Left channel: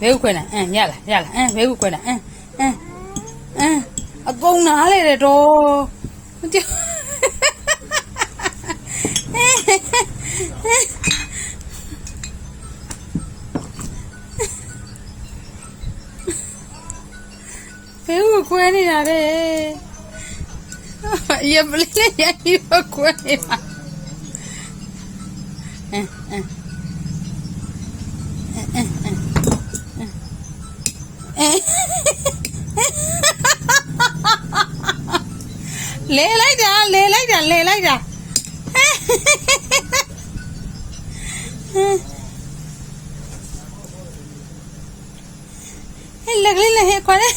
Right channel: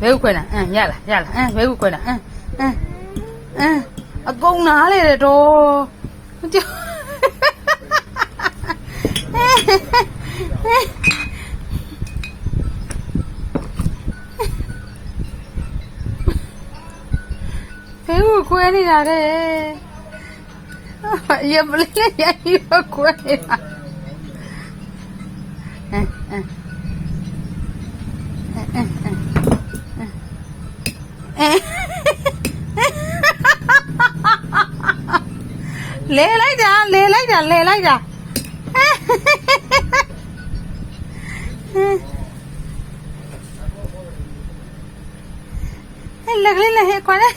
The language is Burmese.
ဘဲခွဲတာရလားဘဲခွဲတာအကုန်နားလေတယ်တော့ဘဲခွဲနေတာလေရပလေးရပြီးခွဲနေတာလဲလိုက်တာလဲလိုက်တာလဲလိုက်တာဟဲ့လက်ကလေးလဲခွာလဲ